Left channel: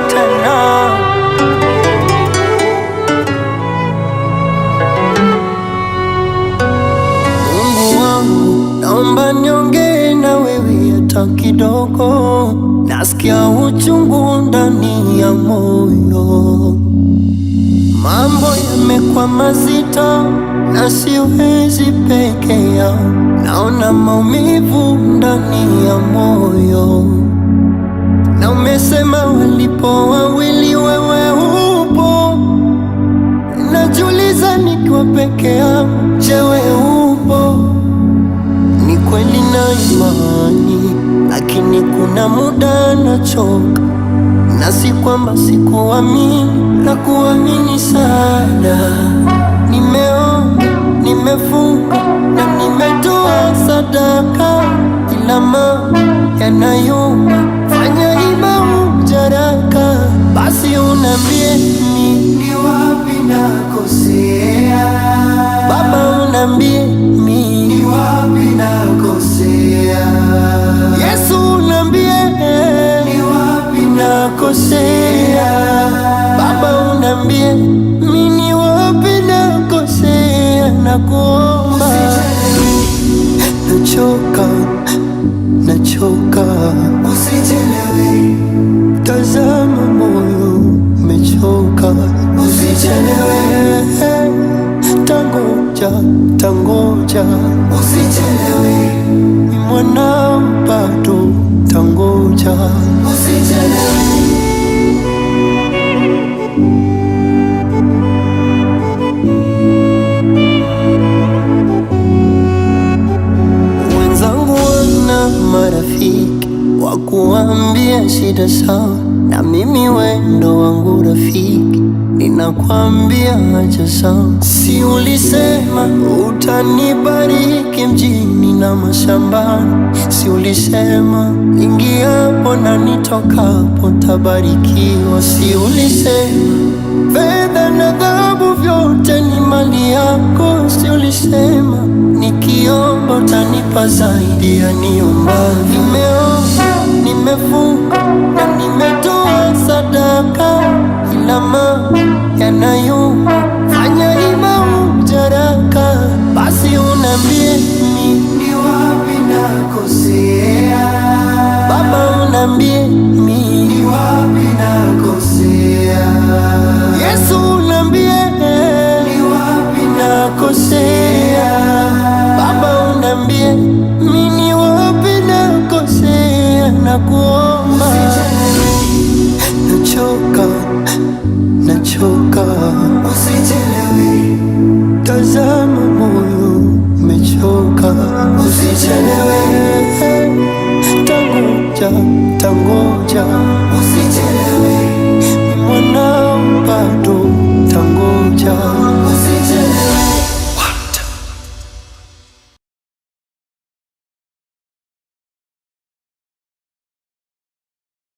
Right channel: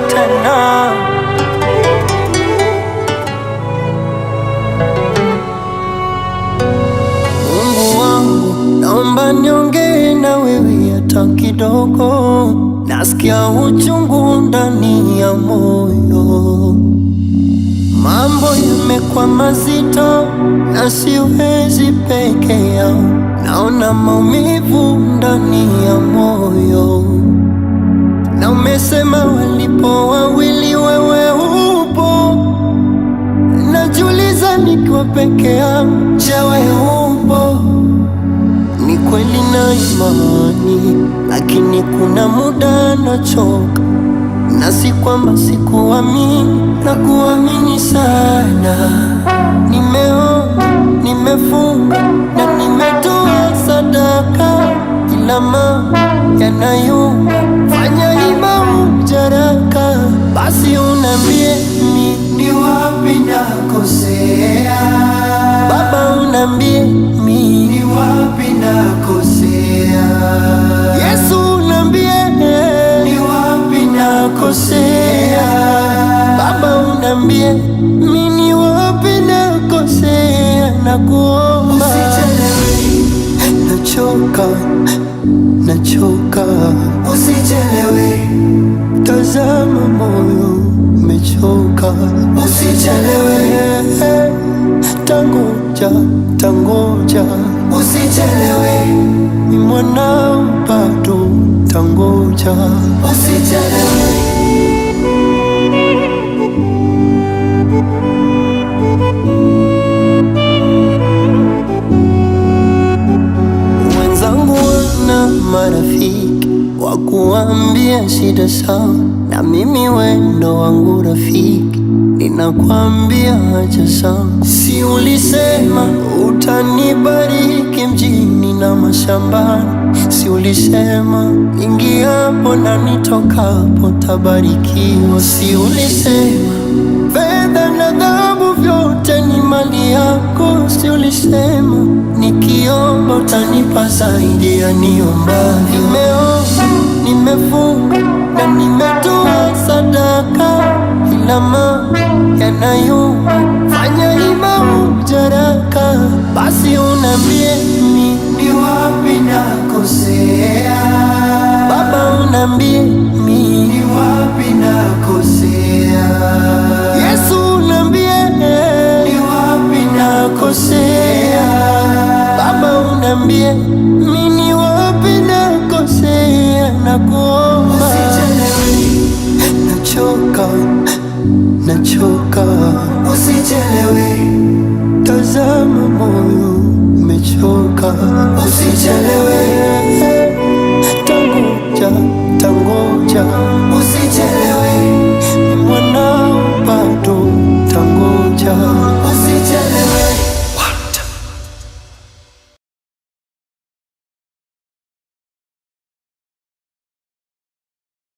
tena. Mungu wangu, naomba niongee na wewe hata kidogo. Nasikia uchungu ndani ya moyo, mambo yamekuwa mazito na siwezi peke yao. Naona maumivu ndani ya moyo, na umesema walipo wawili wewe upo. Najiuliza nikiwa peke yangu, je, wewe upo? Ni kweli na imani, lakini kuna muda nachoka, na si kwamba sikuamini, na kuamini sana. Nimeomba, nimefunga na nimetoa sadaka, ila mambo yanayuma. Fanya ima ujaraka, basi unambie ni wapi nakosea. Baba unambie ni wapi nakosea. Yesu unambie ni wapi nakosea. Baba unambie ni wapi nakosea. Nakuomba, nachoka, nachoka, usichelewe. Tazama moyo umechoka, usichelewe. Tangoja, tangoja, usichelewe. Ni mwanao bado, tangoja, usichelewe. Wenzangu wana marafiki wa kuambia shida zao, na mimi wendo wangu rafiki ninakwambia acha zangu. Si ulisema utanibariki mjini na mashambani? Si ulisema ingiapo na nitokapo tabarikiwa? Si ulisema fedha na dhahabu vyote ni mali yako? Si ulisema nikiomba utanipa zaidi ya niomba? Nimeomba, nimefunga na nimetoa sadaka, ila mambo yanayuma. Fanya ima ujaraka, basi unambie ni wapi nakosea. Baba unambie ni wapi nakosea. Yesu unambie ni wapi nakosea. Baba unambie ni wapi nakosea. Nakuomba, nachoka, nachoka, usichelewe. Tazama moyo umechoka, usichelewe. Tangoja, tangoja,